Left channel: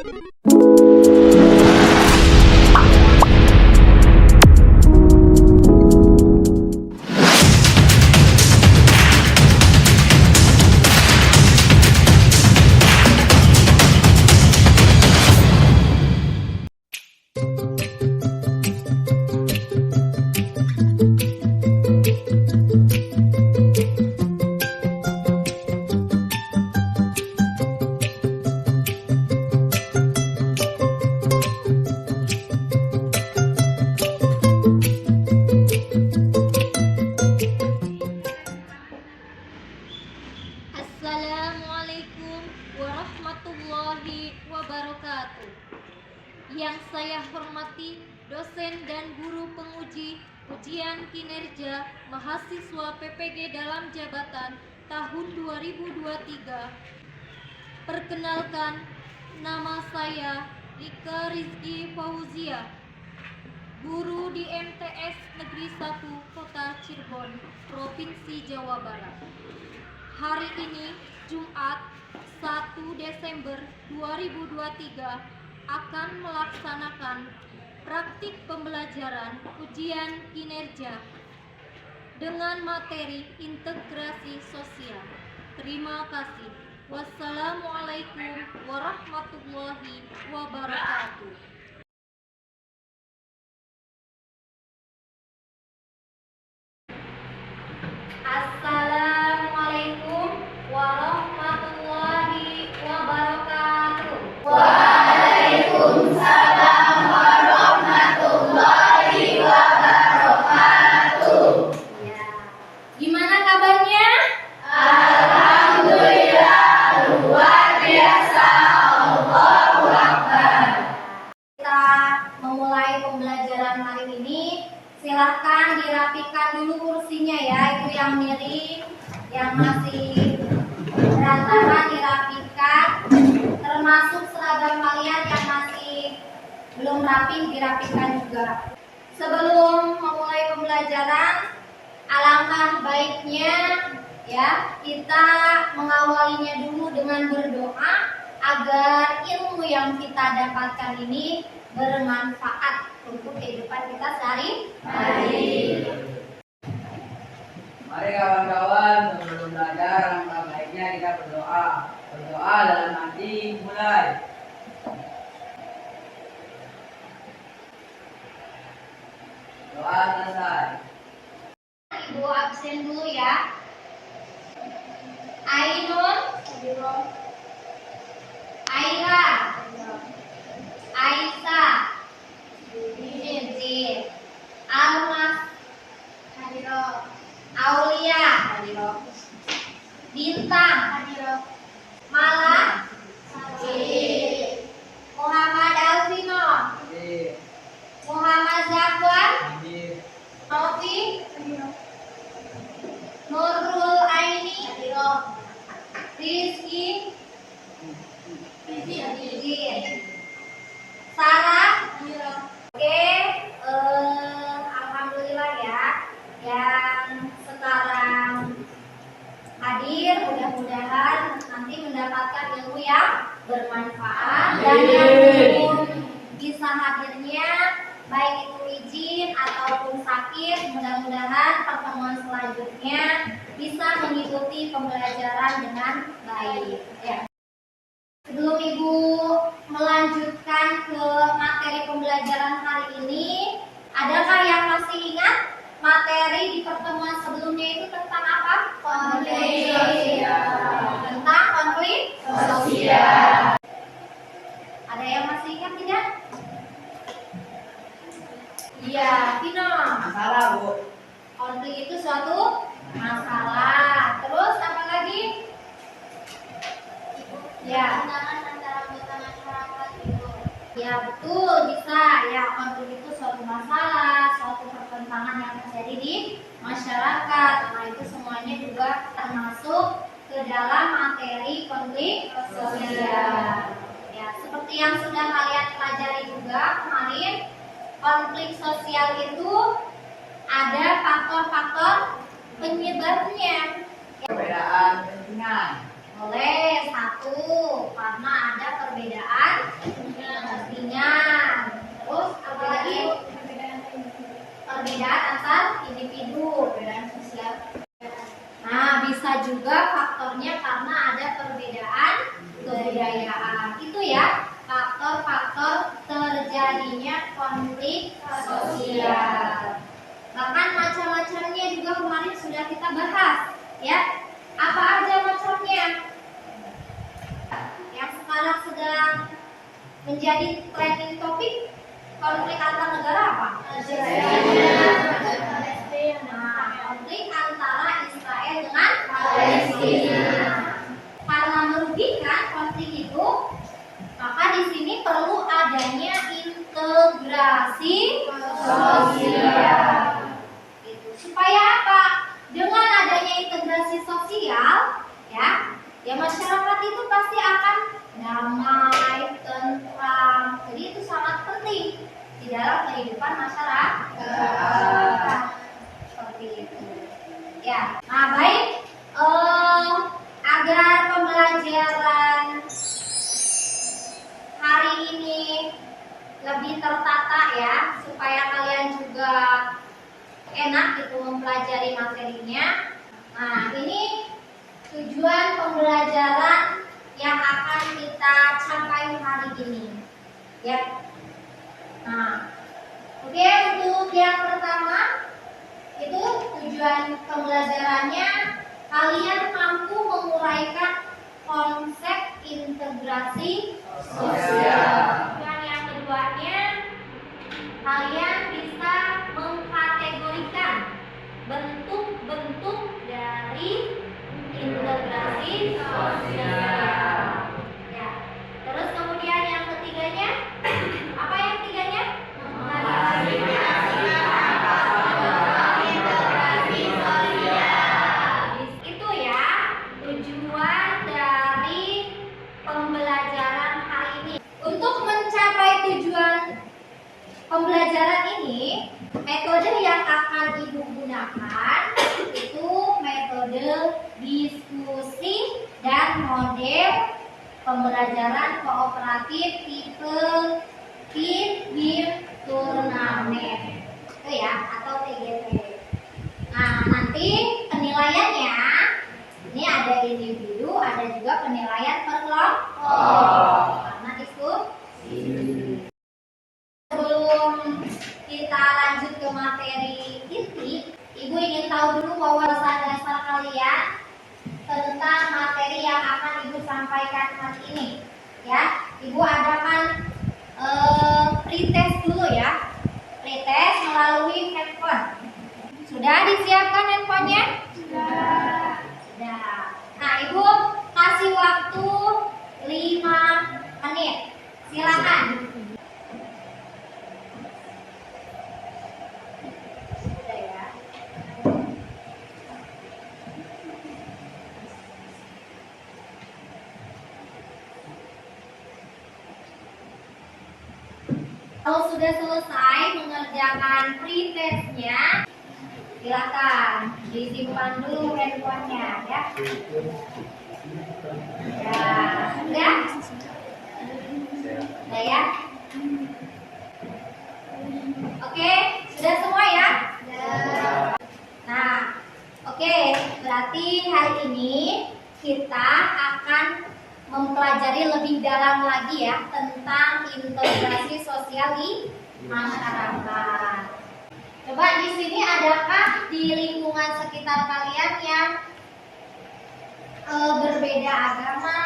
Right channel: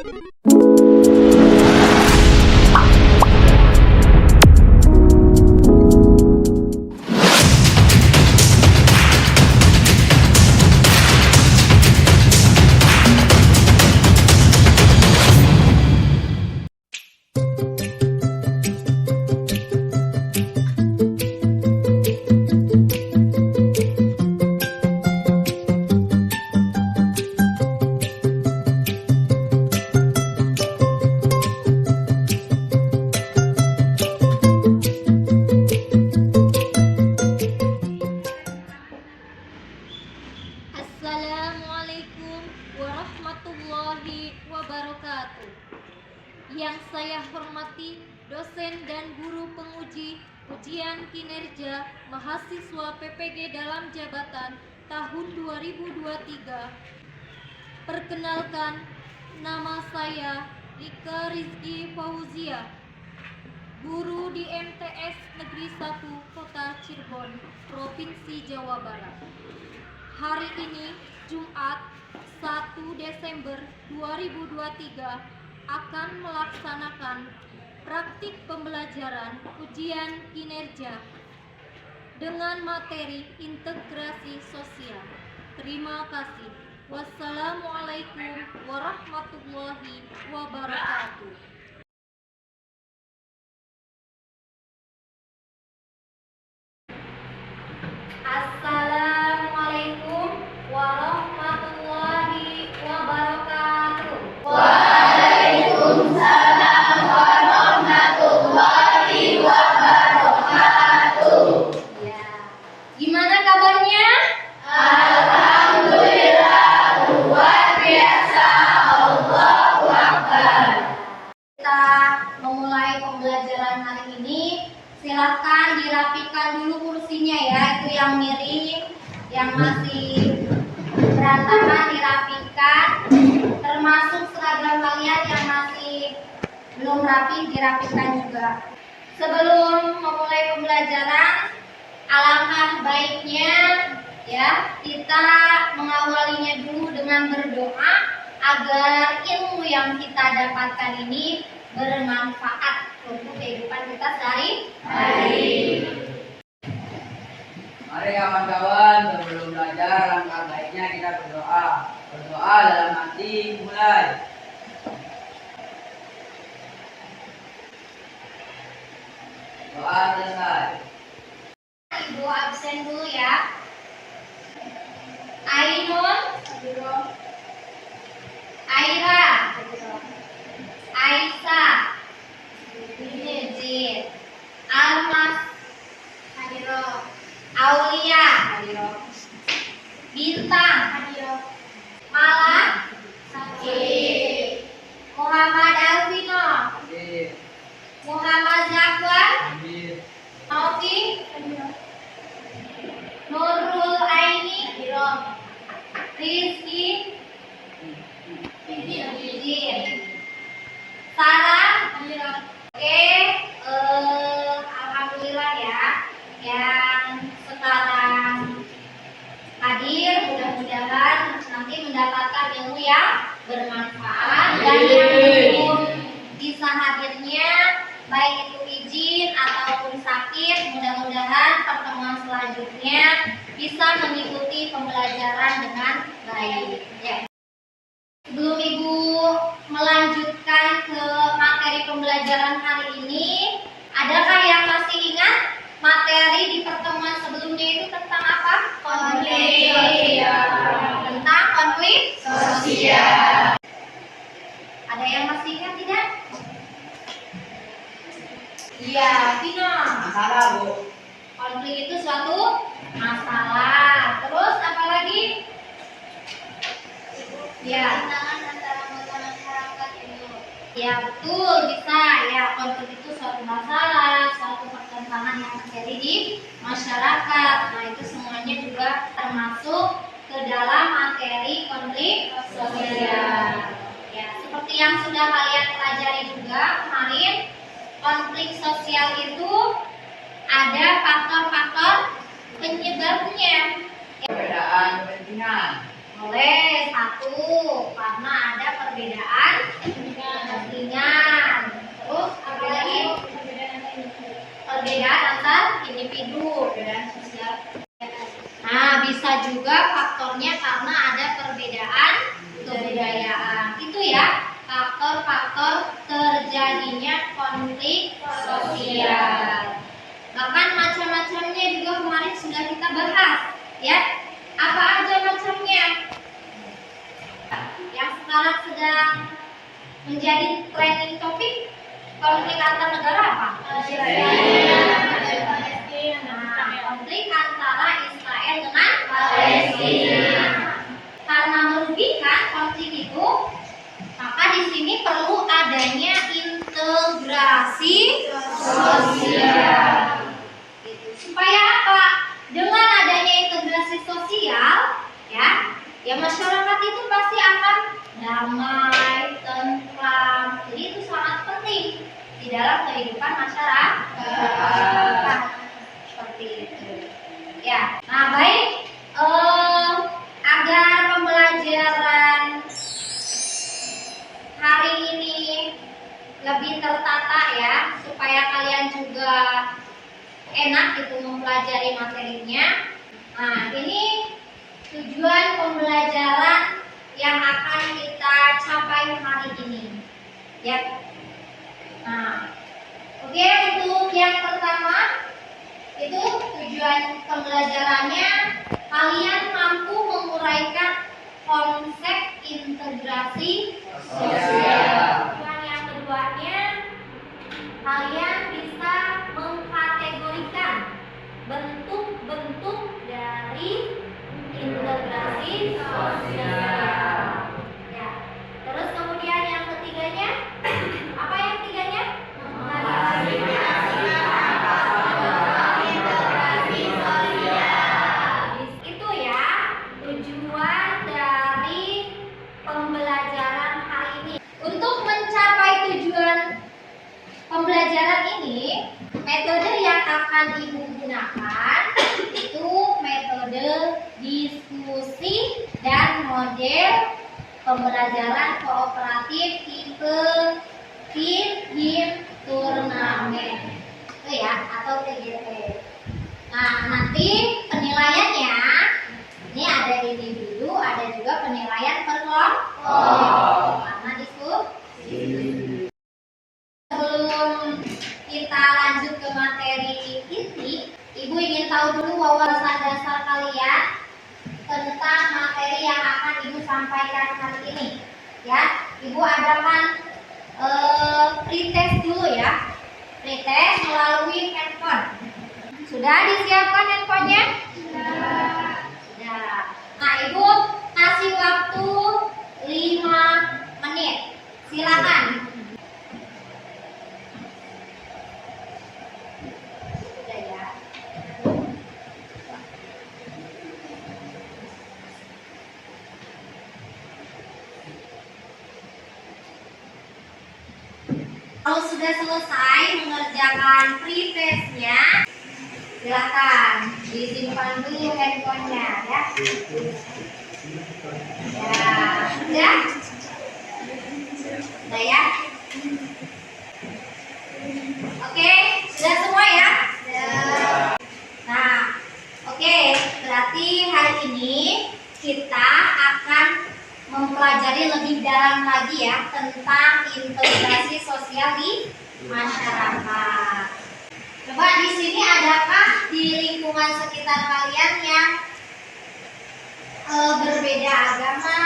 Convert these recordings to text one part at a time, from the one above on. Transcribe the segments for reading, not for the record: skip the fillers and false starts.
Assalamualaikum warahmatullahi wabarakatuh. Yang saya hormati dosen dan guru penguji ujian kinerja mahasiswa PPG dalam jabatan tahun 2023. Perkenalkan, nama saya Rika Rizky Fauzia, guru di MTS Negeri 1 Kota Cirebon, Provinsi Jawa Barat. Hari ini Jumat 1 Desember 2023 akan melaksanakan praktik pembelajaran ujian kinerja dengan materi integrasi sosial. Terima kasih. Wassalamualaikum warahmatullahi wabarakatuh. Assalamualaikum warahmatullahi wabarakatuh. Waalaikumsalam warahmatullahi wabarakatuh. Ya. Gimana kabarnya? Alhamdulillah, luar biasa. Allahu Akbar. Kita memulai pembelajaran hari ini. Silakan dirapikan dulu kursinya ya, itu yang miring, yang masih berantakan dirapikan, termasuk seragam kalian yang masih belum rapi dirapikan juga. Sebelum memulai pembelajaran, alangkah baiknya ya kita mengawalinya dulu dengan berdoa agar ilmu yang kita dapatkan ini bermanfaat untuk kehidupan kita sehari-hari. Mari kawan-kawan, sebelum belajar langkah baiknya kita berdoa. Berdoa dalam hati, mulai. Doa selesai. Ibu absen dulu ya. Ainun, Aira, Aisyah, Jin, Almas, Aulia, Bintang, Malah, Muhammad Alvino, Hadir. Muhammad Zakwan, Hadir. Novi, Nurul Aini, Rizky, Sarah. Oke, alhamdulillah ya yang sekarang hadir, mudah-mudahan nanti mendapatkan ilmu yang bermanfaat, dan yang belum bisa hadirnya baik itu izin ataupun sakit, mudah-mudahan pertemuan selanjutnya bisa mengikuti pembelajaran dengan baik ya. Sebelum Ibu melanjutkan ke materi pembelajaran hari ini, adakah yang masih ingat materi di pertemuan sebelumnya itu tentang apa? Konflik sosial. Tentang konflik Sosial. Ada yang masih ingat tidak? Iya, Vino. Masalah, Bu. Konflik itu suatu masalah. Terus apa lagi? Ya. Antara anggota masyarakat itu. Ya betul, bisa ya. Konflik itu suatu masalah, suatu pertentangan yang terjadi di masyarakat. Nah itu semuanya juga termasuk ke dalam materi konflik sosial. Ya, seperti yang sudah kalian pelajari juga kemarin, konflik sosial itu ada faktor-faktor penyebabnya. Perbedaan kepentingan. Boleh, satu, karena ada perbedaan kepentingan. Terus apa lagi? Perbedaan antar individu, perbedaan sosial. Nah, bisa juga faktornya karena ada perbedaan kebudayaan. Itu ya, faktor-faktor terjadinya konflik sosial. Bahkan macam-macamnya juga kemarin sudah kita bahas, ya. Apa aja macamnya? Yang sekarang sedang menjadi trending topik, konflik antar negara apa? Konflik antara Israel dengan Palestina. Karena merugikan konflik itu, maka di sini perlu adanya integrasi sosial. Gitu. Supaya apa? Dengan adanya integrasi sosial, ya masyarakat itu pasti akan damai, tentram. Jadi itu sangat penting di dalam kehidupan masyarakat. Seperti itu. Ya, nah baik, agar pembelajaran hari ini lebih tertata ya, supaya kalian juga enak gitu mempelajari materinya. Nah, ini tujuan pembelajaran yang akan kita capai hari ini. Ya. Nah, oke, untuk yang pertama itu tujuan pembelajarannya kalian mampu menguraikan konsep integrasi sosial. Tujuan yang keduanya kalian bisa mengkategorikan bentuk-bentuk dari integrasi sosial. Ya. Terus kemudian yang ketiganya, apa yang ketiganya? Integrasi sosial. Itu ya tujuan dari pembelajaran hari ini. Untuk mencapai tujuan pembelajaran ini, metode yang akan Ibu gunakan itu metode diskusi dan model pembelajaran kooperatif tipe Him turnamen. Itu ya, atau TGT. Nah, nanti penilaiannya ini ada individu, ada juga penilaian per kelompok. Karena diskusi. Sebelum kita lanjut ke materi inti, Ibu ingin tahu dulu wawasan dasar kalian tentang materi yang akan Ibu sampaikan hari ini. Ya, Ibu adakan pretest dulu ya. Pretest melalui handphone. Sudah disiapkan handphonenya? Sudah. Nah, Ibu kasih waktu 5 menit. Silakan. Kalau sudah selesai mengerjakan pretestnya, silakan disimpan dulu handphonenya ya. Ya, sudah? Sudah ya? Oke, sudah semua ya? Nah, oke, berarti hari ini kita akan mempelajari lebih dalam lagi ya tentang integrasi sosial di masyarakat. Coba di sini adakah di lingkungan sekitar kalian yang berbeda agama,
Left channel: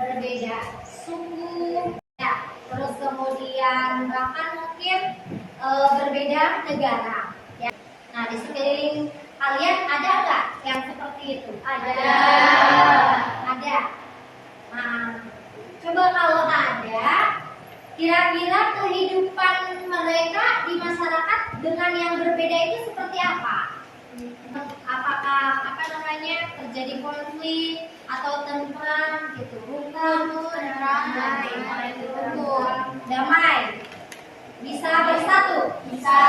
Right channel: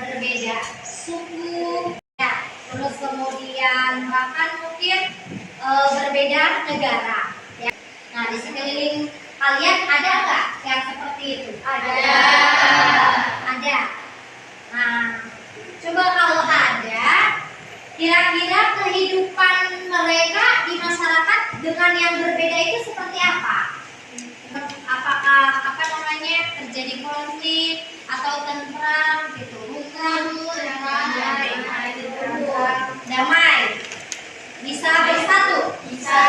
berbeda suku, ya, terus kemudian bahkan mungkin berbeda negara. Ya. Nah, di sekeliling kalian ada nggak yang seperti itu? Ada. Ada. Nah, coba kalau ada, kira-kira kehidupan mereka di masyarakat dengan yang berbeda itu seperti apa? Apakah terjadi konflik atau tentram gitu, rukun, damai, bisa bersatu, bisa.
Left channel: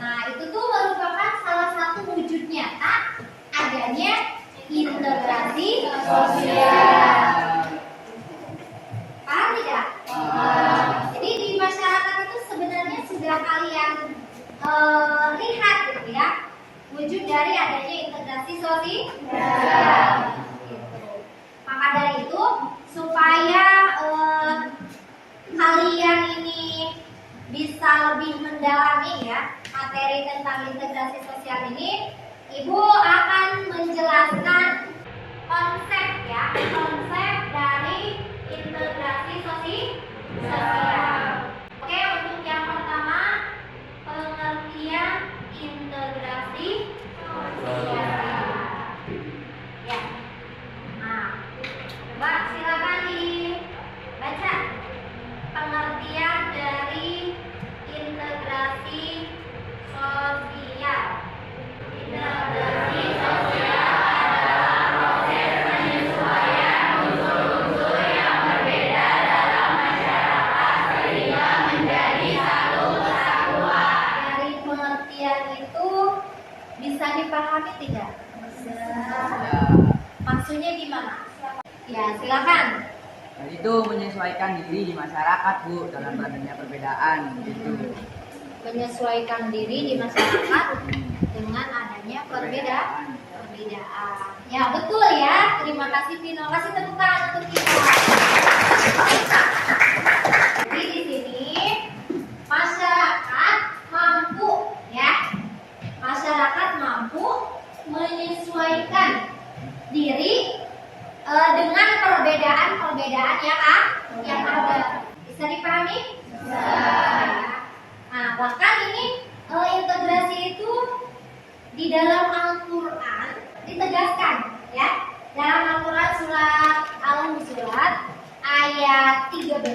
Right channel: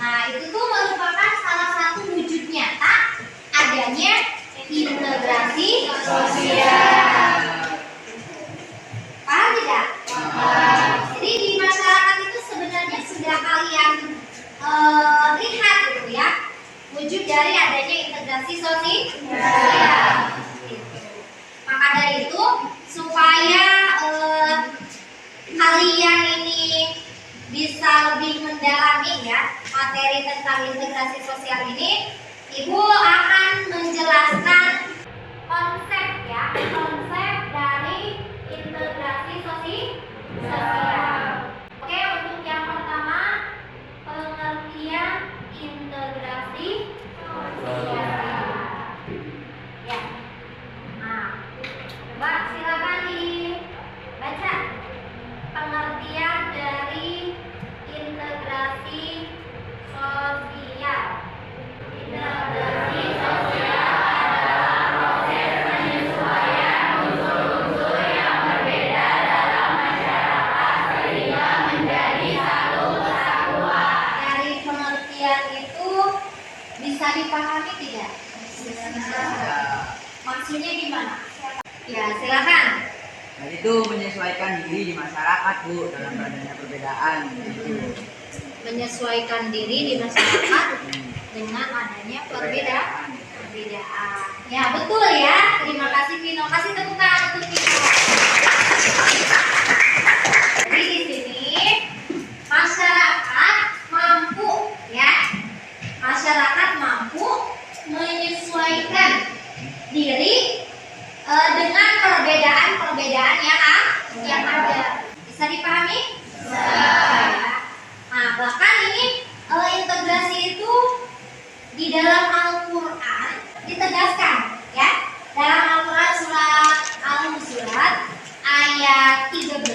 Nah, itu tuh merupakan salah satu wujud nyata adanya integrasi lihat gitu ya, wujud dari adanya integrasi sosial. Gitu. Maka dari itu supaya kalian ini bisa lebih mendalami ya materi tentang integrasi sosial ini, Ibu akan menjelaskan konsep ya, konsep dari integrasi sosial. Oke, untuk yang pertama pengertian integrasi sosial. Ya. Nah, coba silakan dibaca pengertian dari integrasi sosial. Integrasi sosial adalah proses penyesuaian unsur-unsur yang berbeda dalam masyarakat sehingga menjadi satu kesatuan. Dari pengertian itu bisa dipahami tidak? Maksudnya gimana? Ya, silakan. Dan itu menyesuaikan diri di masyarakat, Bu, dalam adanya perbedaan gitu. Menyesuaikan diri di masyarakat dengan adanya perbedaan. Ya, betul ya. Terima kasih Vino. Kasih tepuk tangan untuk Vino. Jadi di sini masyarakat mampu ya. Masyarakat mampu menyesuaikan diri dengan perbedaan-perbedaan yang ada. Bisa dipahami? Bisa. Nah, bahkan ini integrasi itu di dalam Al-Quran ditegaskan ya. Dalam Al-Quran surat Al-Hujurat ayat 13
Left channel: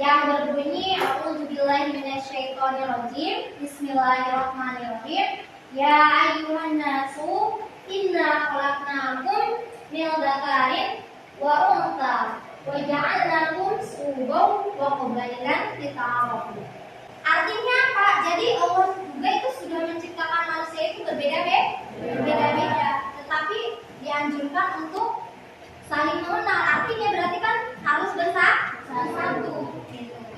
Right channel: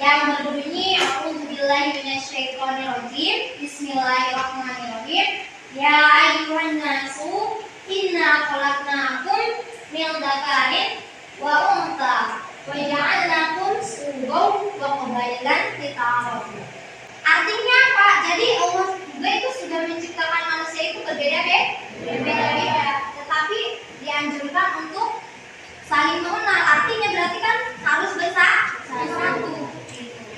yang berbunyi A'udzubillahi minasyaitonirrajim. Bismillahirrahmanirrahim. Ya ayyuhan nasu inna khalaqnakum min dzakarin wa untha wa ja'alnakum syu'uban wa qaba'ilan lita'arafu. Artinya apa? Jadi Allah juga itu sudah menciptakan manusia itu berbeda-beda, tetapi dianjurkan untuk saling mengenal. Artinya berarti kan harus bersatu.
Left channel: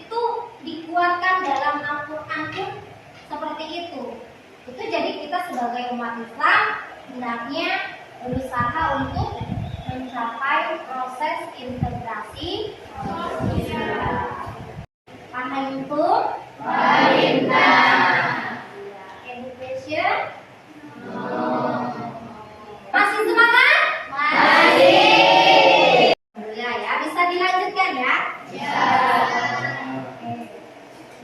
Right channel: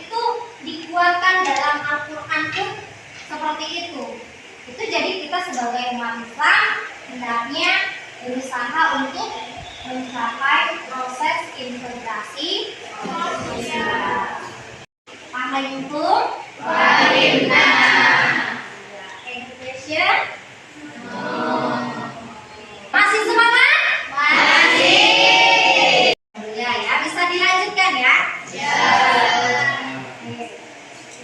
Itu dikuatkan dalam Al-Quran pun seperti itu. Itu jadi kita sebagai umat Islam hendaknya berusaha untuk mencapai proses integrasi sosial. Fahimtum? Education? Masih semangat? Masih. Ya, bisa dilanjutkan ya? Ya.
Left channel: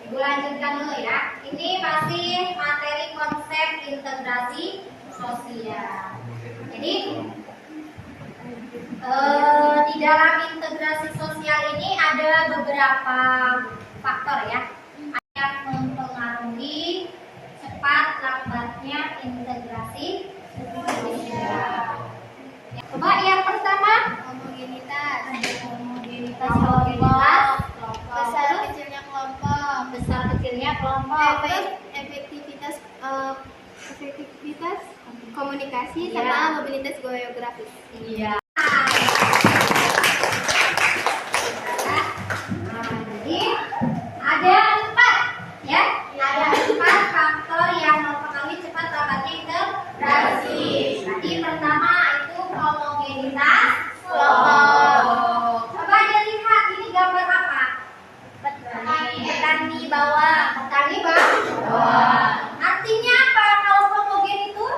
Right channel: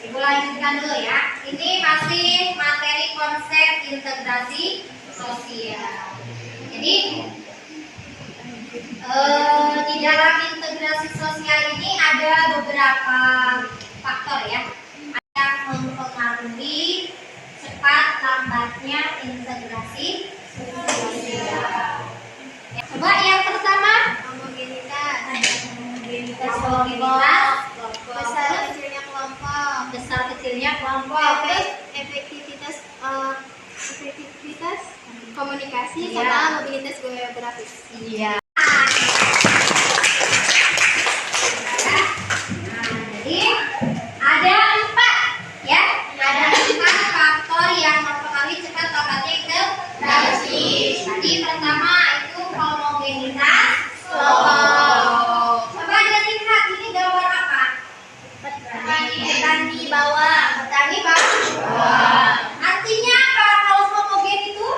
Ibu lanjutkan dulu ya. Ini masih materi konsep integrasi sosial. Jadi di dalam integrasi sosial ini ada beberapa faktor ya yang mempengaruhi cepat lambatnya integrasi sosial. Coba yang pertama homogenitas. Homogenitas Besar kecilnya kelompok. Besar kecilnya kelompok. Efektivitas komunikasi Iya. sama mobilitas geografis. Iya. Nah, jadi ada 4 ya. Ada 4 faktor yang mempengaruhi cepat lambatnya integrasi. Tadi pertama itu homogenitas kelompok. Coba dilihat ini gambar apa? Petani bawah. Petani bawah. Artinya apa kalau homogen itu?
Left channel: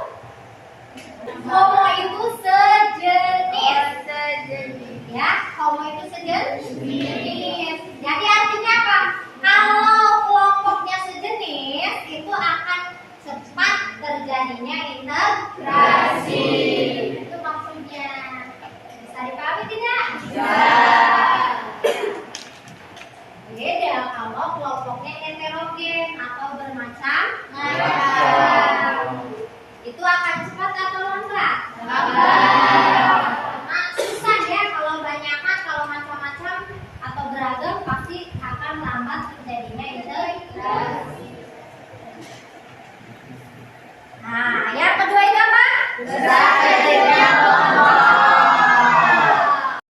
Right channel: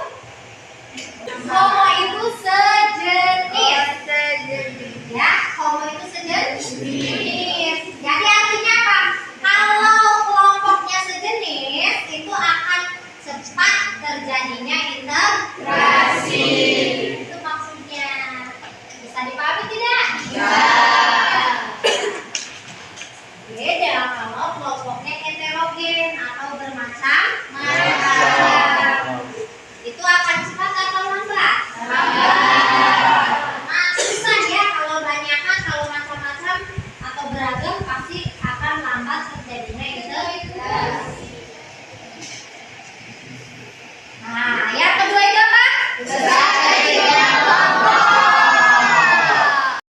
Homo itu sejenis. Ya, homo itu sejenis. Jadi artinya apa? Kalau kelompoknya sejenis, itu akan cepat terjadinya integrasi. Itu maksudnya. Bisa dipahami tidak? Bisa. Beda kalau kelompoknya heterogen atau bermacam-macam. Itu akan cepat atau lambat? Nah, susah ya kalau banyakan, kalau macam-macam atau beragam pasti akan lambat terjadinya integrasi. Nah, yang kedua itu apa? Besar kecilnya kelompok.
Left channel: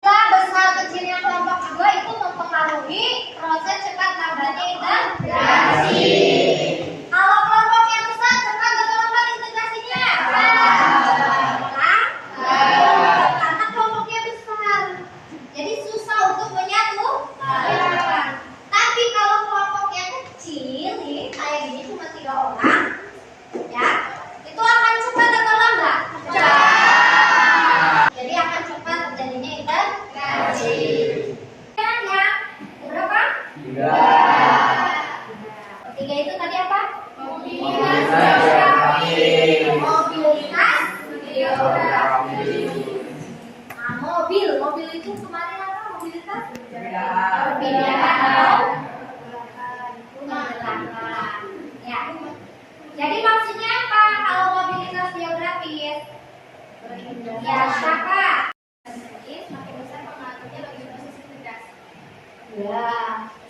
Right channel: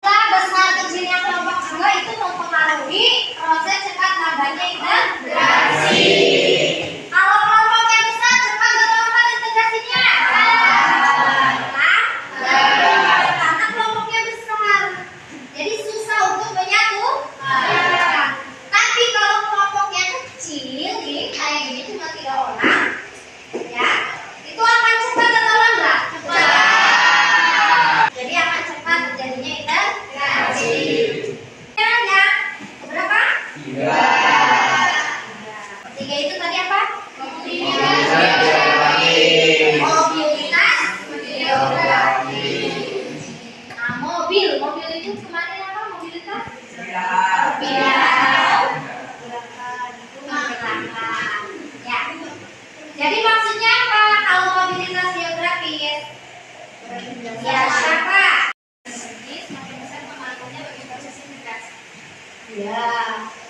Besar kecilnya kelompok juga itu mempengaruhi proses cepat lambatnya integrasi. Kalau perpindahan. Pergerakan. Ya. Jadi maksudnya apa kalau mobilitas geografis? Ya, siapa? Semakin besar pengaruhnya bagi proses integrasi. Ya.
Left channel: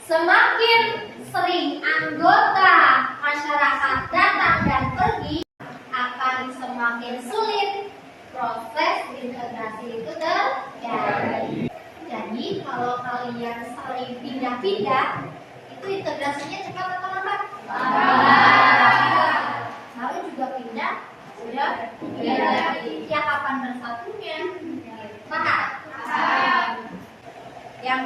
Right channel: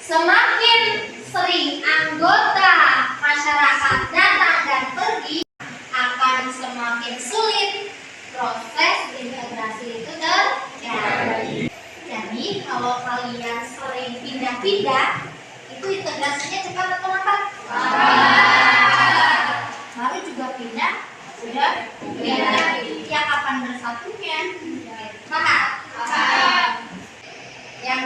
Semakin sering anggota masyarakat datang dan pergi, akan semakin sulit proses integrasi itu terjadi. Jadi kalau kalian sering pindah-pindah, itu integrasinya cepat atau lambat? Baru juga pindah, sudah pindah lagi. Ya kapan bersatunya? Paham? Yang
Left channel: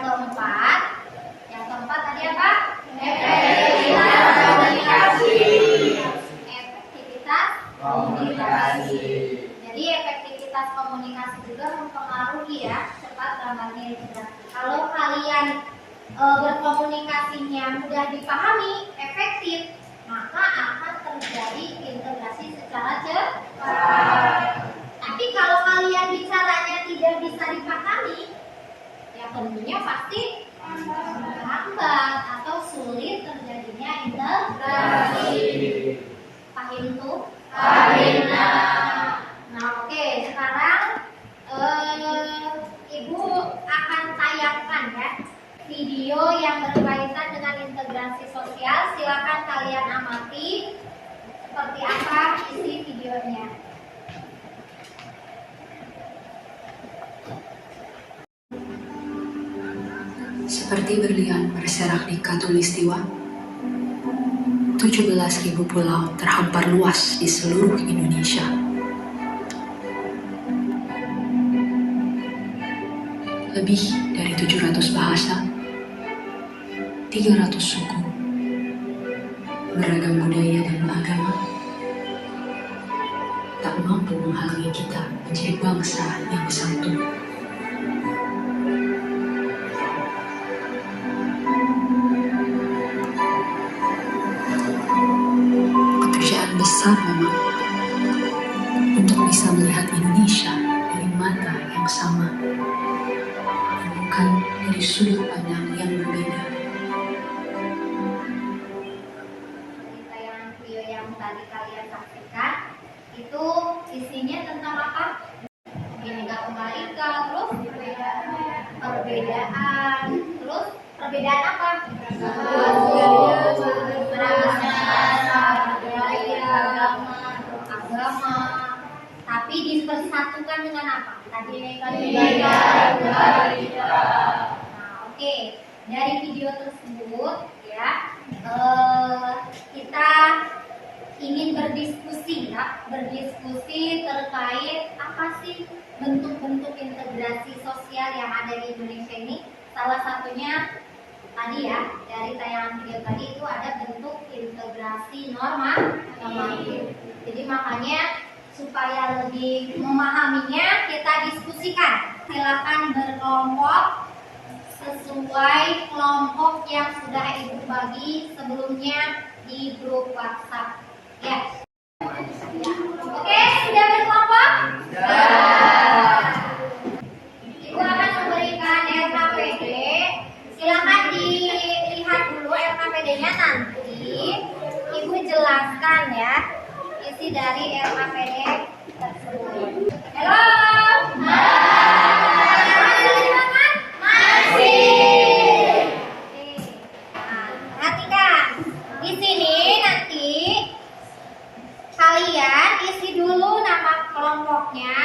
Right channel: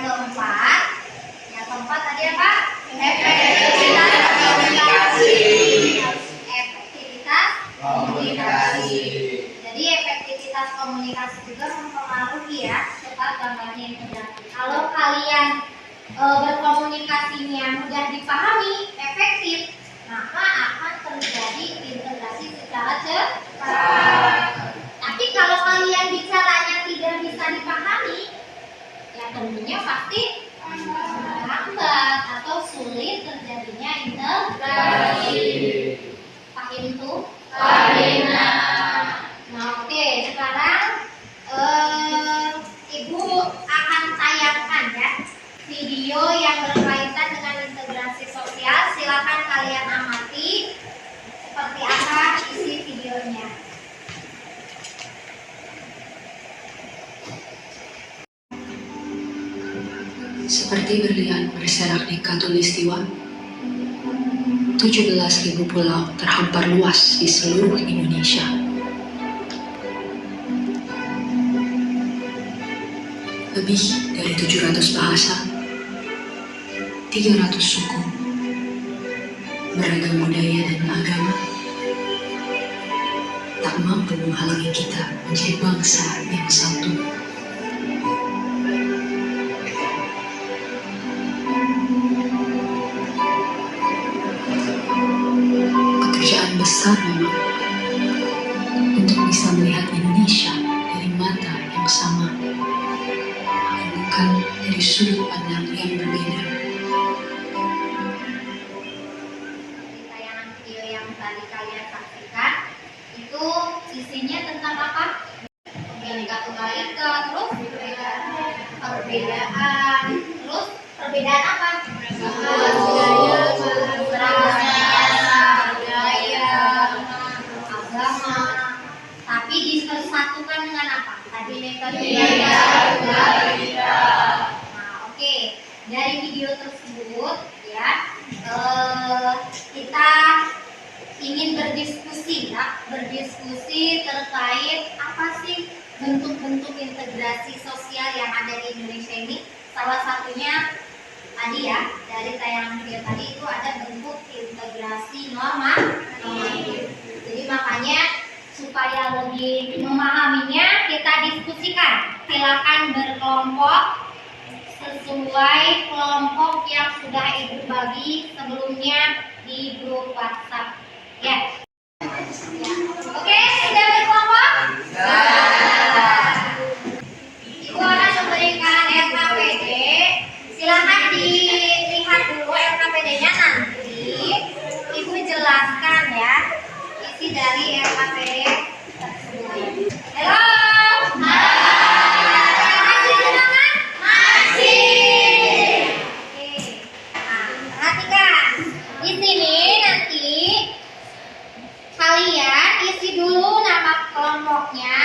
keempat tadi apa? Efektivitas komunikasi. Efektivitas komunikasi. Jadi efektivitas komunikasi juga mempengaruhi ya cepat gambarnya integrasi. Kalau kalian berkomunikasinya mudah dipahami, efektif, maka akan terjadi integrasi secara cepat. Tapi kalau kalian bicaranya tidak bisa dipahami, ya tentunya pasti lambat atau sulit terjadinya integrasi. Paham tuh? Nah, oke, sekarang Ibu akan tayangkan ya video yang berkaitan dengan integrasi sosial. Silakan kalian amati seperti apa isi videonya. Seperti berlian berserak di Katulistiwa, 17.000 pulau terhampar luas di seluruh Indonesia. Lebih dari 700 bahasa, 300 suku, beragam budaya dan agama, tak mampu menghalangi kita menjadi bangsa yang satu. Pekerjaan besar memang untuk bisa melihat Indonesia dari mata yang sama, bukan dari sudut pandang yang berbeda. Di tayangan video yang tadi kalian saksikan itu isinya tentang apa? Bineka Tunggal Ika, terus perbedaan, terus perbedaan apa? Agama. Tapi dipersatukan dengan apa? Tadi Nah, oke. Dari video tersebut ya, kita ingin berdiskusi terkait apa sih bentuk-bentuk integrasi sosial yang ada di Indonesia ini. Salah satunya tadi ya, dari tayangan video tadi itu ada bentuk integrasi normatif. Jadi makanya supaya lebih memahaminya kita diskusikan. Silakan berkelompok sesuai kelompok yang sudah Ibu bagi sebelumnya di grup WhatsApp. Ya. Oke, sudah berkelompok? Ibu akan memberikan LKPD. Silakan dilihat dulu LKPD-nya, nanti Ibu jelaskan ya isi dari LKPD tersebut. Halo. Masih semangat? Masih. Oke. Nah, perhatikan. Di sini nanti kalian isi dulu nama kelompoknya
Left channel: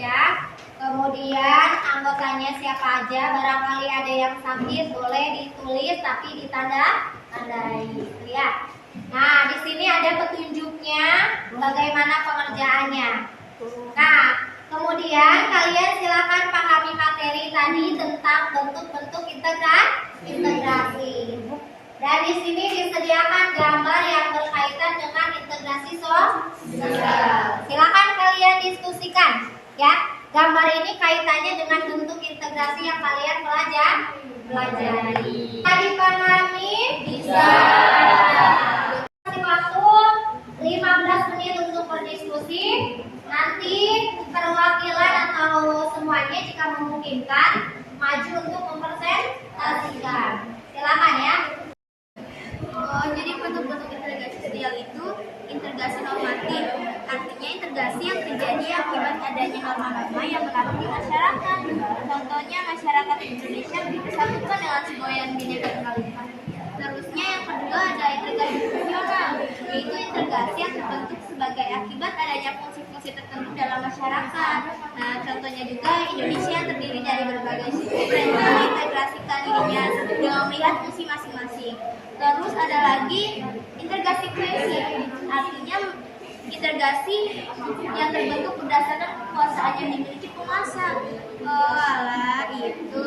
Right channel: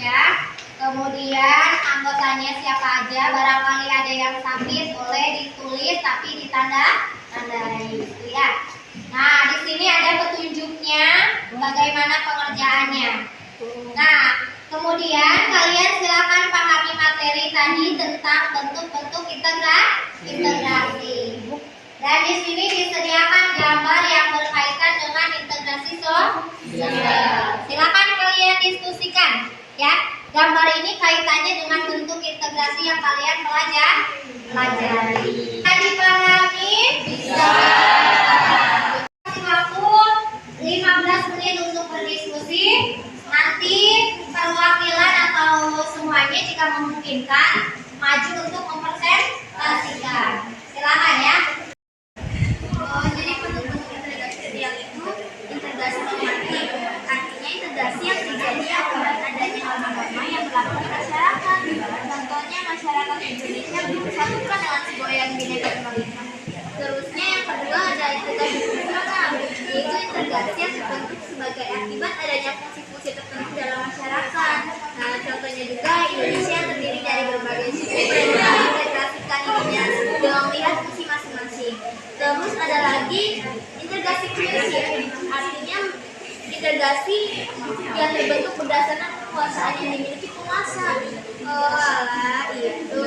ya. Kemudian anggotanya siapa aja, barangkali ada yang sakit boleh ditulis tapi ditandai. Lihat. Nah, di sini ada petunjuknya bagaimana pengerjaannya. Nah, kemudian kalian silakan pahami materi tadi tentang bentuk-bentuk integrasi. Dan di sini disediakan gambar yang berkaitan dengan integrasi sosial. Silakan kalian diskusikan ya. Gambar ini kaitannya dengan bentuk integrasi yang kalian pelajari. Bisa dipahami? Bisa. Kasih waktu 15 menit untuk berdiskusi. Nanti perwakilan atau semuanya jika memungkinkan maju untuk mempresentasikan. adanya fungsi-fungsi tertentu dalam masyarakat. Nah, contohnya juga Indonesia terdiri dari berbagai suku yang mengintegrasikan dirinya dengan melihat fungsi masing-masing. Terus ada lagi integrasi prinsip, artinya integrasi yang terbentuk berdasarkan kekuasaan yang dimiliki penguasa. Oh, alah, itu.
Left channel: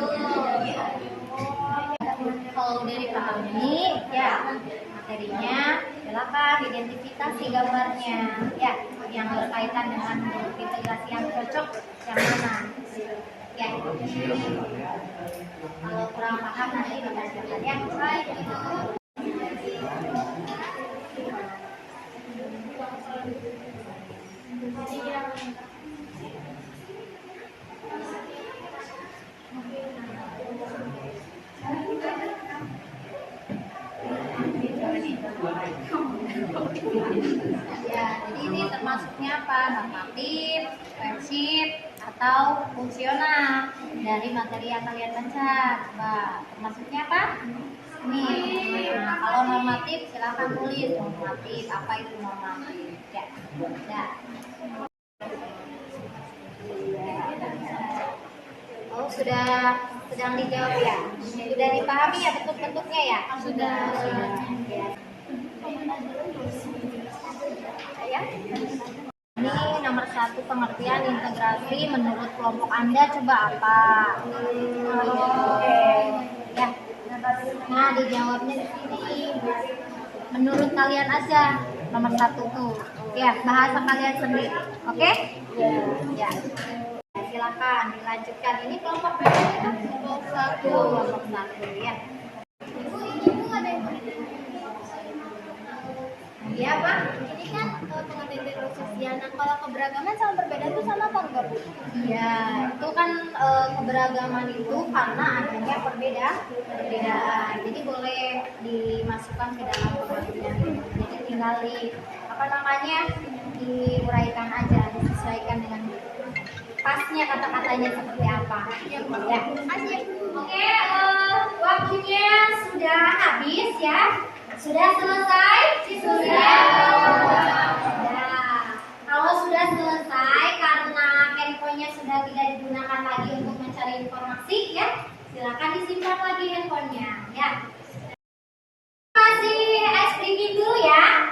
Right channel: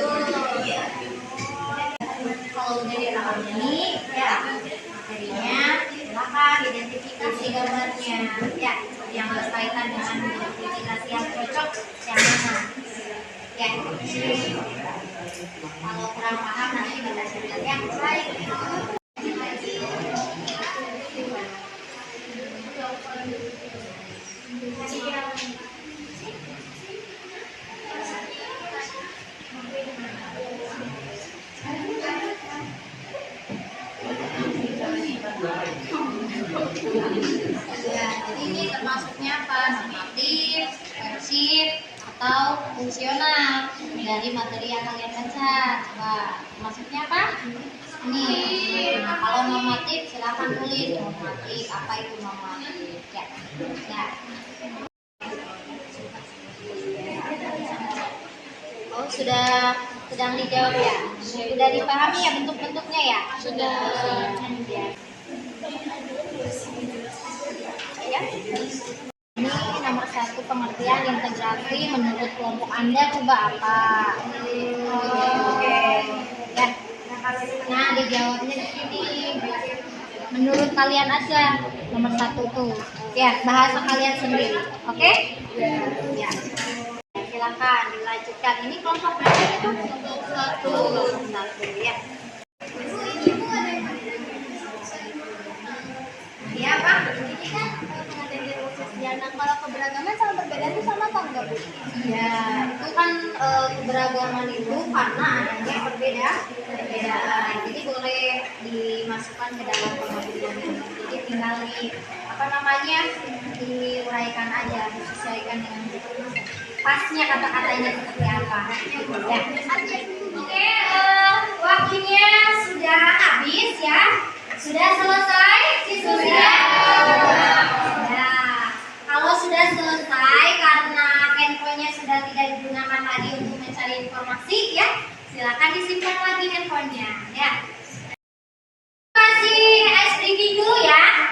Kalau udah dipahami, ya materinya silakan identifikasi gambarnya, ya yang berkaitan dengan identifikasi yang cocok yang mana, ya. Kalau kurang paham nanti ditanyakan ya. Baik. Ya, jadi ini termasuknya apa? Normatif, persif, atau fungsional dari materi yang kalian baca. Coba, termasuknya apa? Ini. Nah, kalau normatif silahkan tulis normatif. Apa itu normatif? Ya, nah. Oh, sudah sedang dijawab ya? Sudah dipahami ya bentuk-bentuknya ya? Sudah. Ya. Ya. Ini nomor 1 pengertian integrasi menurut kelompok Anda coba apa? Oke. Ya. Nah, dijawabnya di sini. Menurut kalian aja nomor 1 tuh. Ya, bahasa kalian sendiri. Oke? Ya. Silakan dilanjutkan. Ini kelompok berapa itu? Kelompok 1 ya. Iya, Pak. Ini kan pengertian sosial. Nah, kalau keberagaman sama perbedaan itu sama apa enggak, Bu? Ya, itu kan keberagaman itu karena adanya perbedaan. Jadi boleh dimasukkan ke dalam pengertian ini. Jadi tinggal diuraikan aja, disesuaikan dengan pasnya kata-katanya seperti apa. Ya. Oke, waktunya sudah habis ya. Sudah selesai? Sudah. Ya. Kalau sudah selesai karena handphonenya sudah tidak digunakan lagi untuk mencari informasi ya, silakan disimpan lagi handphonenya ya. Kasih ice drinking dulu ya.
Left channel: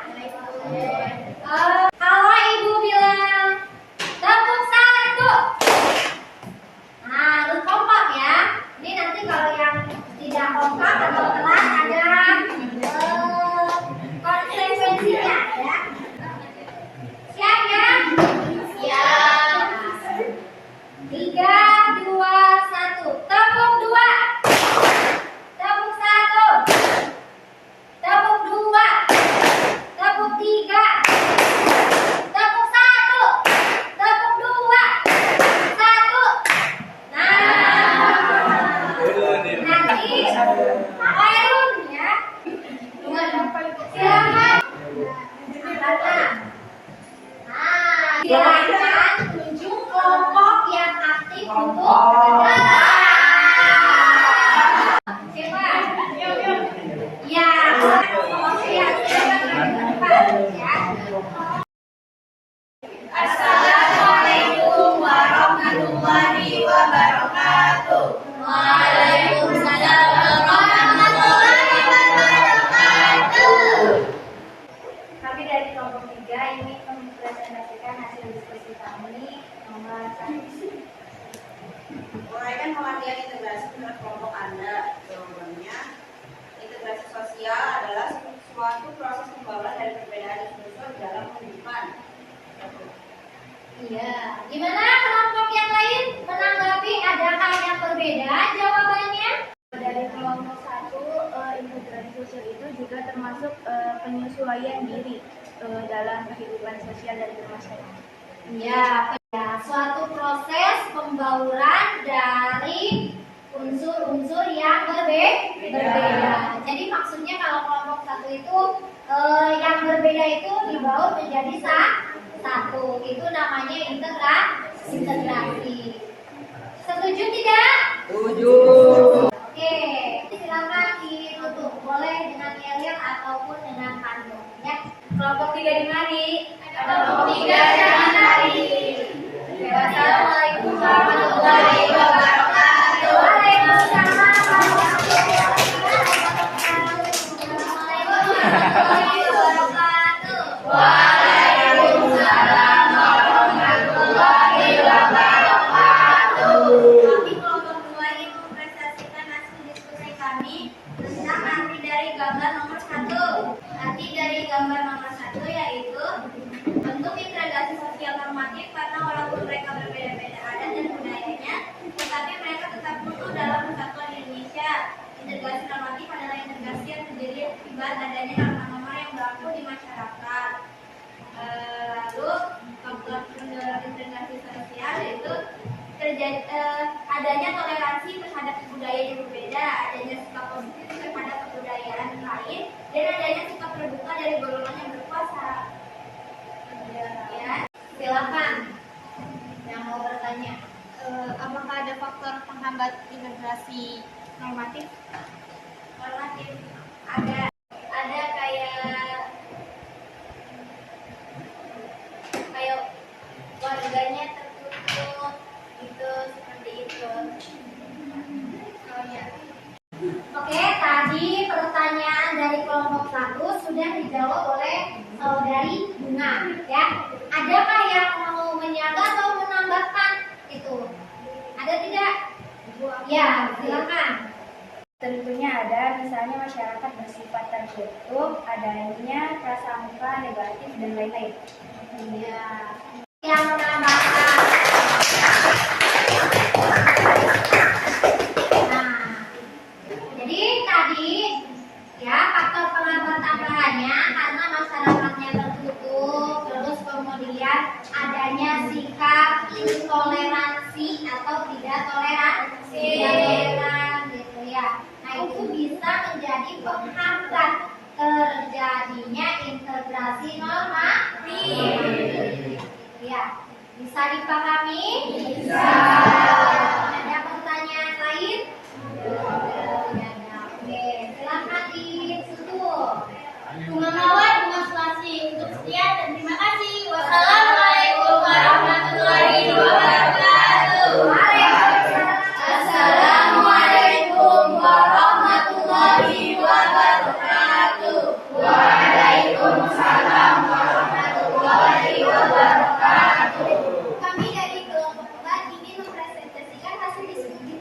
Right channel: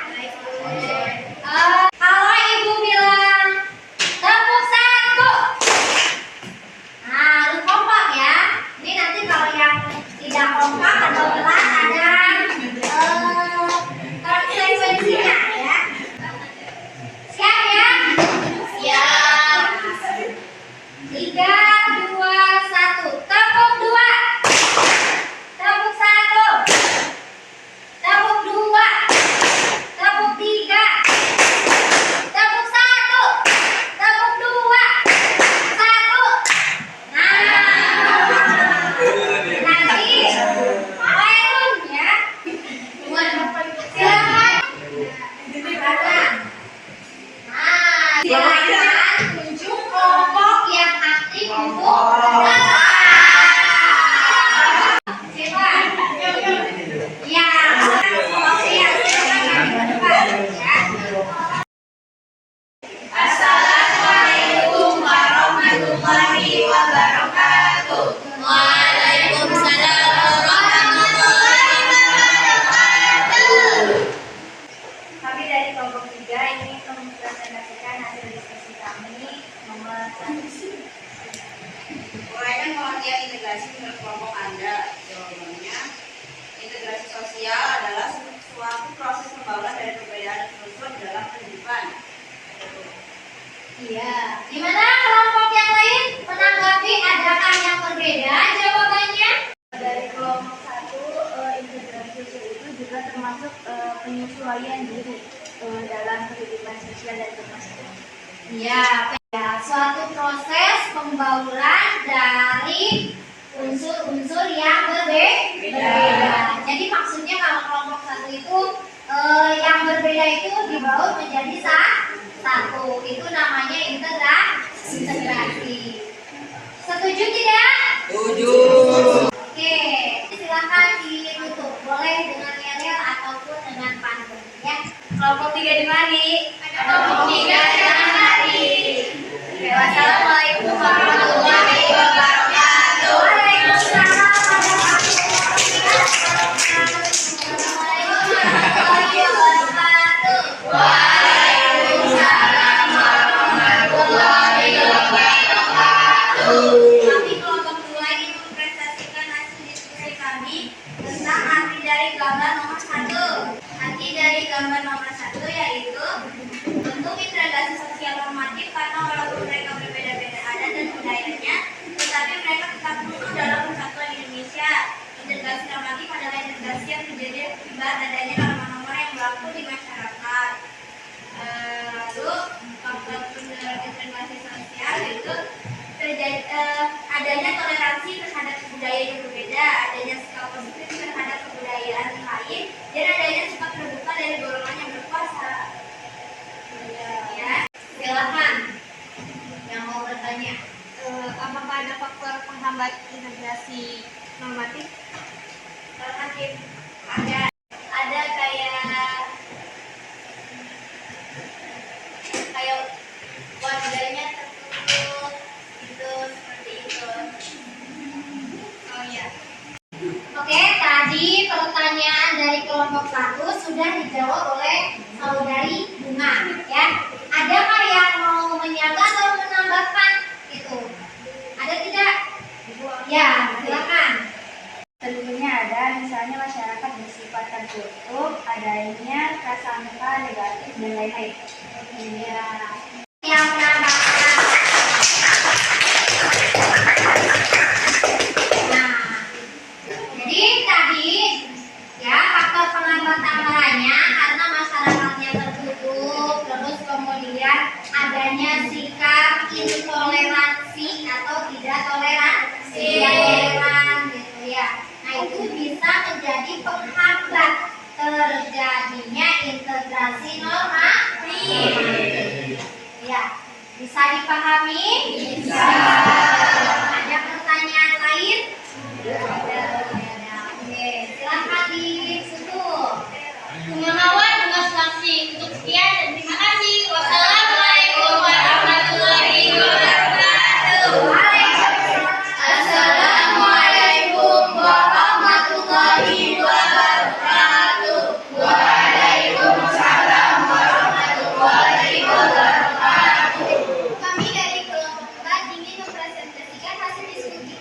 Kalau ibu bilang tepuk 1. Nah, harus kompak ya. Ini nanti kalau yang tidak kompak atau pelan ada konsekuensinya ya. Siap ya? Siap. 3, 2, 1. Tepuk 2. Tepuk 1. Tepuk 2. Tepuk 3. Tepuk 1. Tepuk 2. 1. Nah, nanti Khairun ya. Silakan. Nah, silakan tunjuk kelompok yang aktif untuk siapa? Ya, oke ya, silakan di depan ya. Assalamualaikum warahmatullahi wabarakatuh. Waalaikumsalam warahmatullahi wabarakatuh. Kami dari kelompok 3 ini mempresentasikan hasil diskusi kami nomor 1. Uraikan pengertian integrasi menurut kelompok Anda. Jawabannya, integrasi sosial adalah suatu proses pembauran dari perbedaan unsur dalam kehidupan. Iya. Gimana kelompok yang lain menanggapi adakah yang berbeda jawabannya? Dari kelompok 1, integrasi sosial itu juga termasuk penyesuaian diri dalam kehidupan sosial dan bermasyarakat. Iya, ya, suatu proses pembauran dari unsur-unsur yang berbeda. Jadi maksudnya kalau kelompok 1 itu yang berbeda itu dibaur menjadi satu. Itu namanya integrasi. Setuju tidak? Setuju. Oke, silakan ditutup. Boleh dengan yel ataupun dengan pantun ya. Kelompok 3 3 di mari. Ada 23 jangan hari. Oke, wassalamualaikum warahmatullahi wabarakatuh. Waalaikumsalam warahmatullahi wabarakatuh. Waalaikumsalam warahmatullahi wabarakatuh. Kami kelompok 2 ingin mempresentasikan hasil diskusi kami tentang arti dari gambar nomor 1. Arti dari gambar nomor 1 yaitu bentuk integrasi sosial normatif karena walaupun mereka berbeda-beda adat dan budayanya, tetapi mereka tetap utuh dalam persatuan Indonesia. Integrasi normatif adalah integrasi yang terjadi akibat adanya norma-norma yang berlaku di masyarakat. Lalu faktor pendorong integrasi sosial yaitu adanya toleransi terhadap budaya yang berbeda, adanya sikap positif terhadap kebudayaan lain, dan adanya sikap terbuka dari golongan yang berkuasa. Ya, silakan yang mau bertanya. Apakah ada faktor penghambat integrasi normatif? Normatif ada kayak warganya tertutup itu seperti itu. Oh ya. Oke, tadi pertanyaan dari kelompok 1 sudah dijawab oleh saudari Bunga, ya. Adakah yang mau menyaga atau menambahkan itu? Ada tidak? Ya, silakan. Tentunya ada, misalnya masyarakat bersifat tertutup, adanya prasangka negatif dan lain-lain. Ya. Yang menambahkan. Nah, jadi tadi ya faktor penghambat tambahannya karena masyarakatnya tertutup, terus kemudian adanya sikap intoleransi atau tidak toleransi, gitu ya. Nah itu bisa menjadi penghambat terjadinya integrasi normatif. Ya, bisa dipahami? Bisa. Ada pertanyaan lain? Ada. Oke, silakan ditutup. Bunga Mawar, Bunga Selasi. Untuk sekian dan terima kasih. Wassalamualaikum warahmatullahi wabarakatuh. Waalaikumsalam. Assalamualaikum warahmatullahi wabarakatuh. Waalaikumsalam warahmatullahi wabarakatuh. Kami dari kelompok 4 ingin mempresentasikan hasil diskusi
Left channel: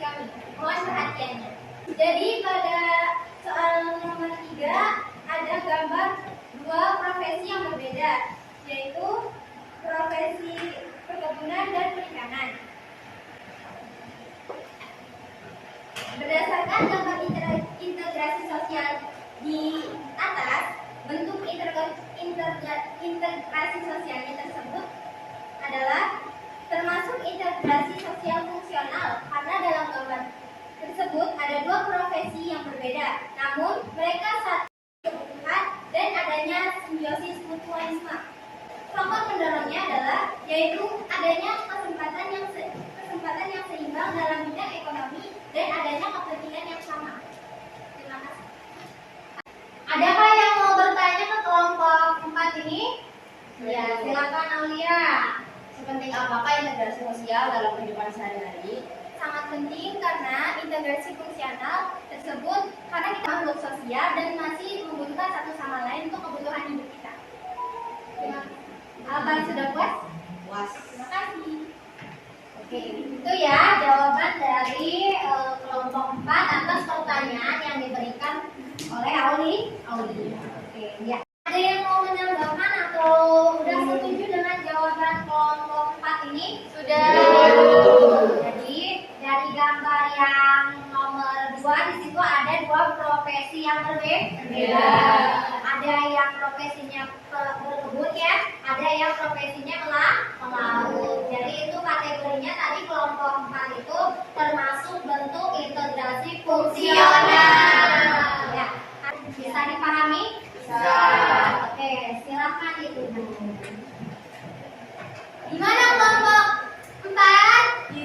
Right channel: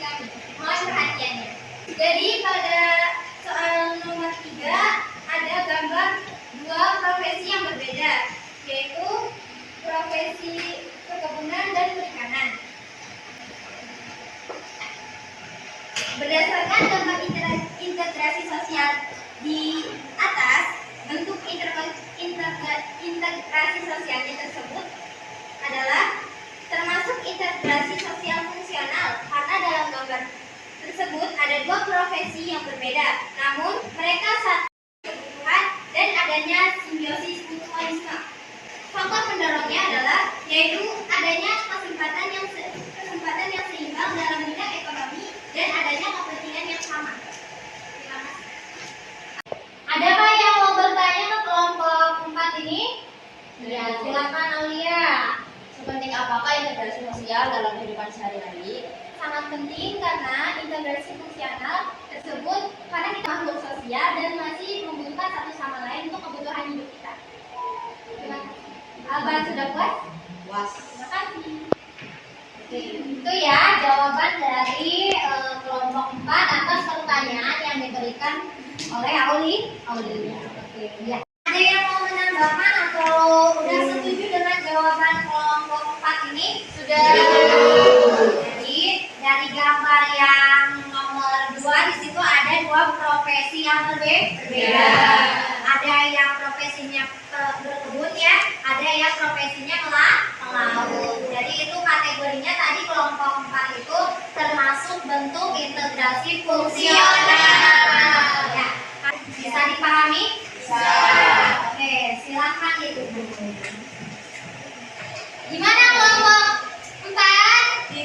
kami. Mohon perhatiannya. Jadi pada soal nomor 3 ada gambar 2 profesi yang berbeda, yaitu profesi perkebunan dan perikanan. Berdasarkan gambar integrasi sosial di atas, bentuk integrasi sosialnya tersebut adalah termasuk integrasi sosial fungsional karena dalam gambar tersebut ada 2 profesi yang berbeda, namun mereka satu kebutuhan dan adanya simbiosis mutualisme. Faktor pendorongnya adalah yaitu adanya kesempatan yang seimbang dalam bidang ekonomi dan adanya kepentingan yang sama. Terima kasih. Adakah yang mau bertanya ke kelompok 4 ini? Ya, silakan Aulia. Sepenting apakah integrasi sosial dalam kehidupan sehari-hari? Sangat penting karena integrasi fungsional tersebut karena kita makhluk sosial dan masih membutuhkan satu sama lain untuk kebutuhan hidup kita. Terima kasih. Abang sudah puas? Puas. Terima kasih. Oke, itu ya jawaban dari kelompok 4 atas pertanyaan yang diberikan oleh Auli. Oke, ya. Ada yang mau menambahkan atau udah setuju dengan jawaban kelompok 4 ini? Sudah. Jadi dari gambar yang nomor 2 di situ ada 2 profesi yang berbeda. Ada yang profesinya berkebun ya, ada yang profesinya melaut. Jadi itu kategorinya tadi kelompok 4 itu termasuk bentuk integrasi fungsional. Ya, bisa dipahami? Bisa. Oke, silakan itu. Gimana kelompok 4? Di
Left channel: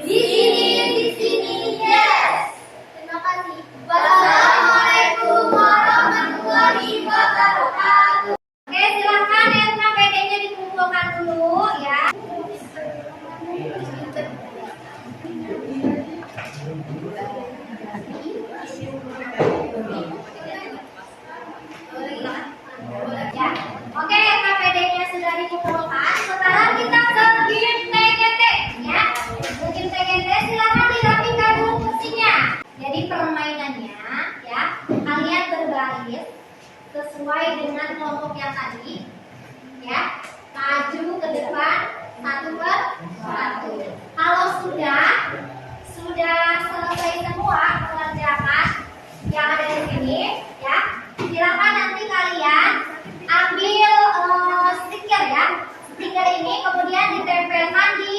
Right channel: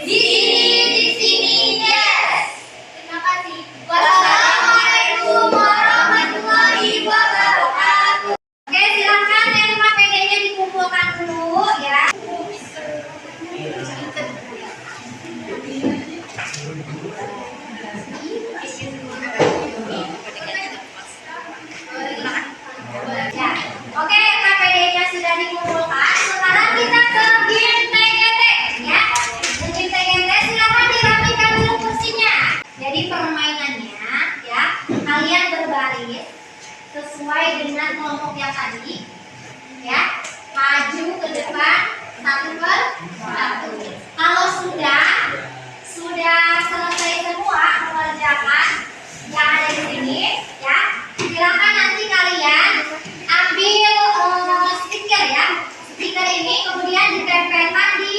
sini. Yes. Terima kasih. Wassalamualaikum warahmatullahi wabarakatuh. Ya, oke, KPD-nya sudah dikumpulkan. Sekarang kita ke GTGT, ya. Mungkin TGT silakan dirapikan dulu kursinya. Jadi permainannya, ya, kalian berbaris sesuai dengan kelompok yang tadi, ya. Maju ke depan satu per satu. Kalau sudah selesai semua mengerjakan yang ada di sini, ya, silakan nanti kalian ambil stiker, ya. Stiker ini kemudian ditempelkan di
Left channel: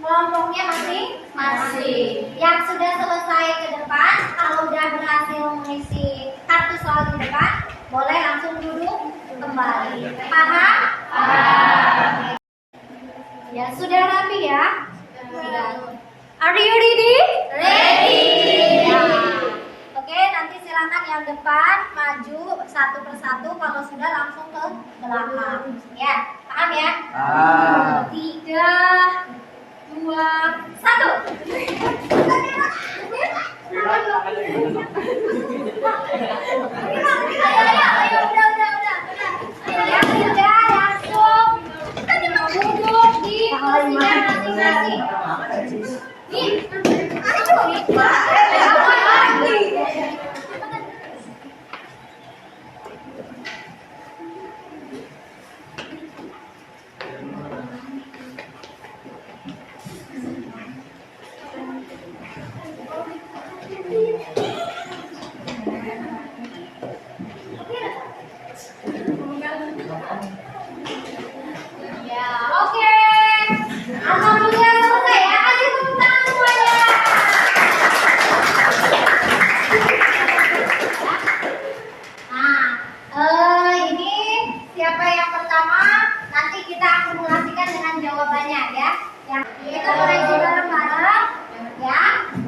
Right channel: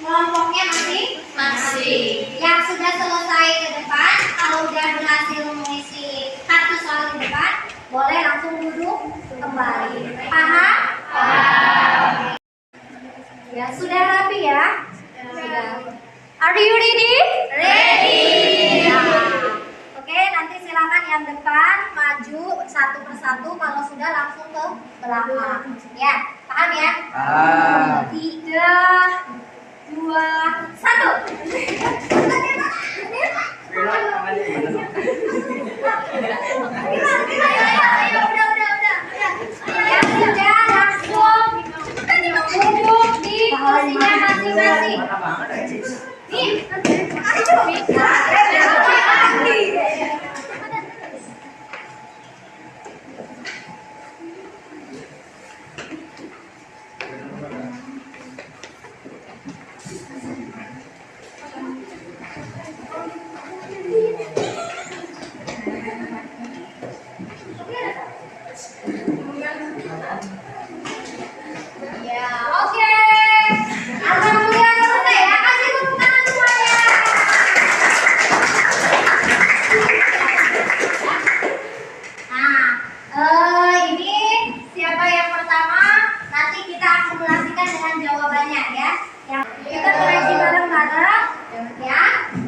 kelompoknya masing-masing. Yang sudah selesai ke depan, kalau sudah berhasil mengisi kartu soal di depan, boleh langsung duduk kembali. Paham? Ya, sudah rapi ya? Sudah. Are you ready? Ready. Oke, nanti silakan yang depan maju satu persatu. Kalau sudah langsung ke belakang. Ya, paham ya? 3, 2, 1. Ya sudah, langsung duduk di kursinya masing-masing. Ya, oke. Alhamdulillah selesai ya. Kasih tepuk tangan semuanya. Nah, ini siapa yang pertama? Nanti kita akumulasikan dengan jawabannya ya. Ya, kita koreksi bareng-bareng. Ya,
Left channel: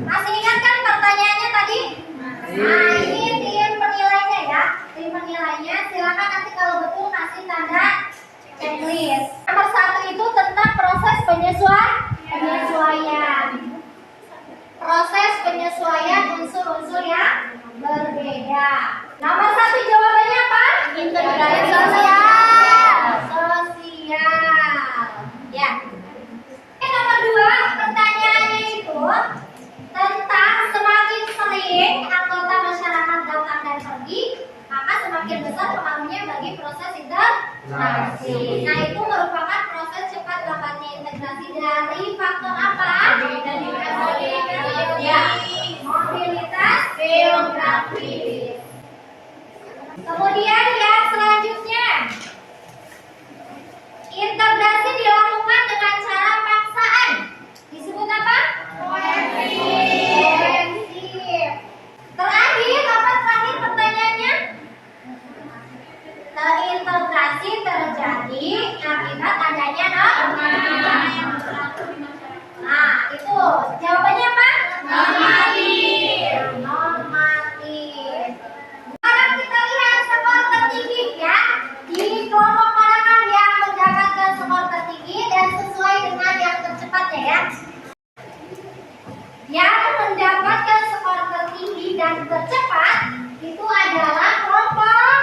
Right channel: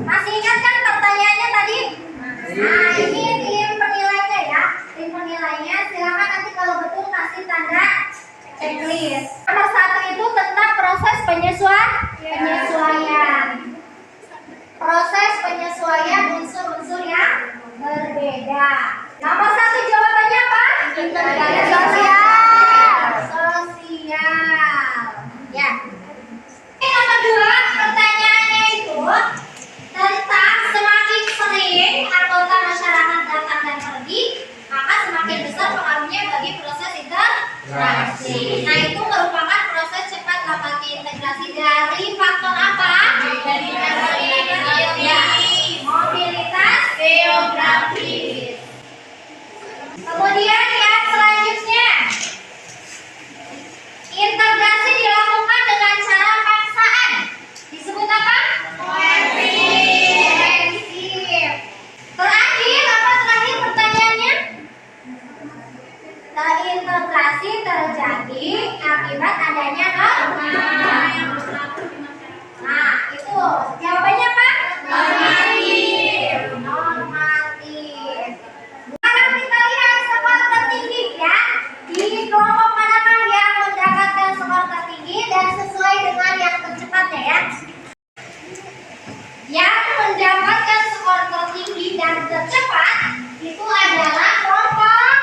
masih ingat kan pertanyaannya tadi? Nah, ini tim penilainya ya. Tim penilainya silakan nanti kalau betul kasih tanda checklist. Nomor 1 itu tentang proses penyesuaian. Proses penyesuaian unsur-unsur yang berbeda. Nomor 1 jawabannya apa? Integrasi sosial. Ya. Nomor 2 pertanyaannya itu tentang semakin sering anggota masyarakat datang dan pergi, maka semakin besar pengaruhnya bagi proses integrasi. Nah, itu merupakan proses cepat dapatnya integrasi dari faktor apa? Mobilitas geografis. Kemudian yang selanjutnya, integrasi dilakukan dengan cara paksaan. Disebut apa? Koefisien. Terakhir, apa terakhir pertanyaannya? Terintegrasi terjadi akibat adanya norma. Nah, itu jawabannya apa? Normatif. Sekarang kita lihat skor tertinggi ya. Di kelompok manakah yang mendapatkan skor tertinggi dan sesuai dengan yang tercepatnya ya? Yang mendapatkan skor tertinggi dan tercepat itu adalah kelompok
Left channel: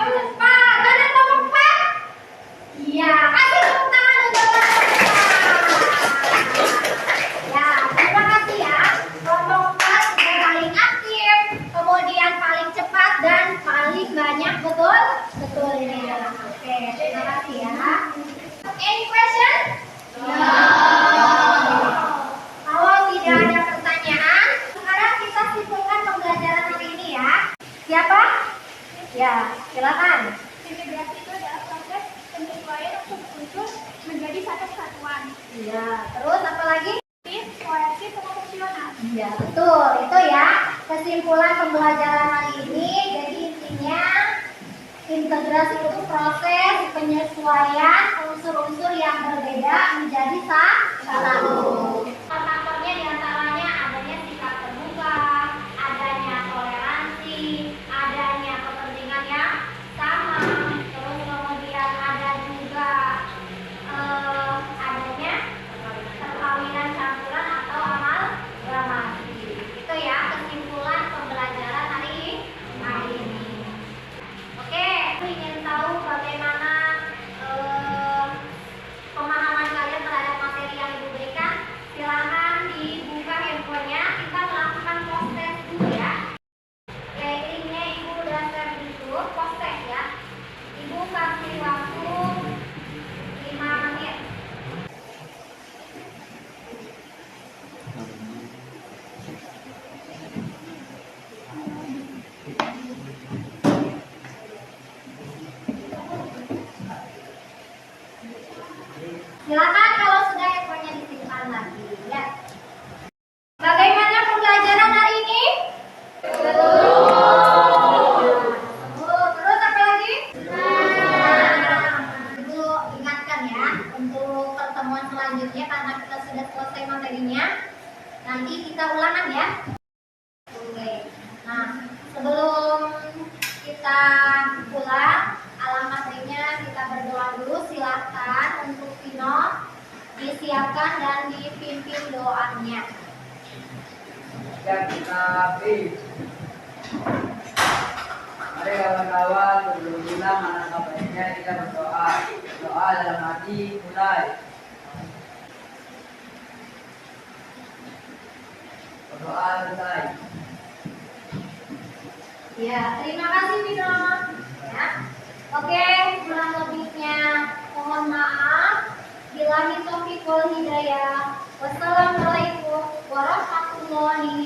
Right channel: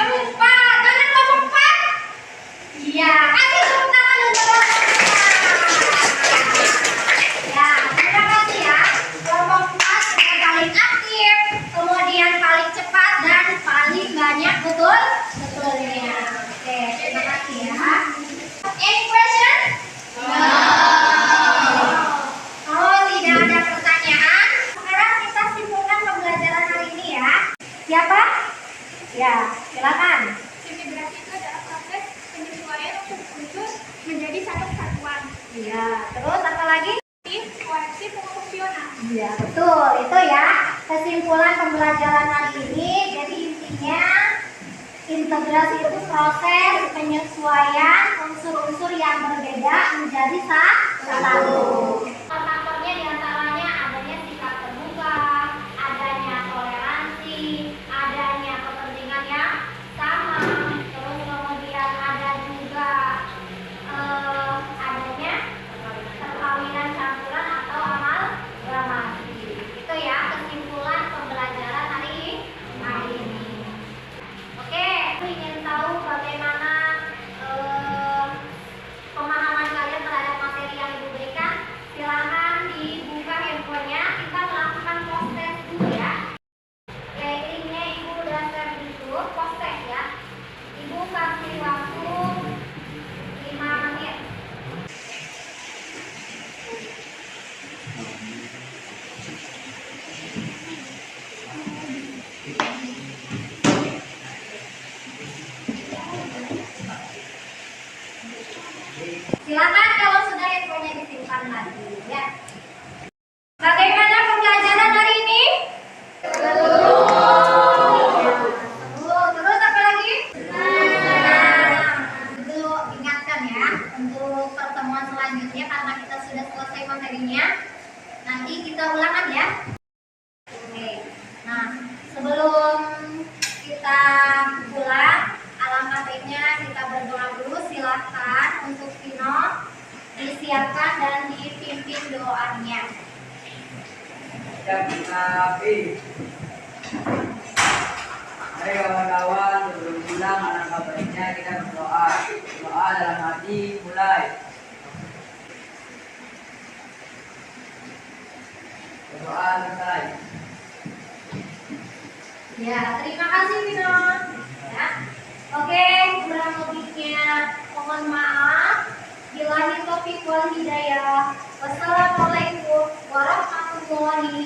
4. Mana kelompok 4? Iya, kasih tepuk tangan untuk kelompok 4. Ya, terima kasih ya. Kelompok 4 yang paling aktif, kemudian paling cepat dan paling banyak betulnya. Oke, terima kasih ya. Any question? Kalau tidak ada pertanyaan, sekarang kita simpulkan pembelajaran hari ini ya. Siapa? Ya, silakan. Integrasi itu adalah proses penyesuaian unsur menjadi satu kesatuan. Iya, terus apa lagi? Kohersif proporsional. Iya, betul. Itu ya kesimpulan pembelajaran hari ini. Jadi intinya integrasi itu proses penyesuaian unsur-unsur yang berbeda menjadi satu. Faktornya diantaranya adanya sikap terbuka, adanya toleransi, adanya kepentingan yang sama, terus kemudian ada juga adanya perkawinan campuran atau amal Terus apa lagi? Nah, itu ingatkan ya untuk pertemuan selanjutnya karena kita sudah selesai materinya. Nanti kita ulangan ya. Oke. Nah, sebelum kita pulang, alangkah baiknya kita berdoa dulu. Silakan untuk Vino disiapkan dan dipimpin doanya. Siap kita Mari kawan-kawan, sebelum pulang alangkah baiknya kita berdoa. Doa dalam hati mulai. Berdoa selesai. Ya, terima kasih Vino. Ya. Oke, kurang lebihnya mohon maaf. Billahi taufiq wal hidayah. Wassalamualaikum warahmatullahi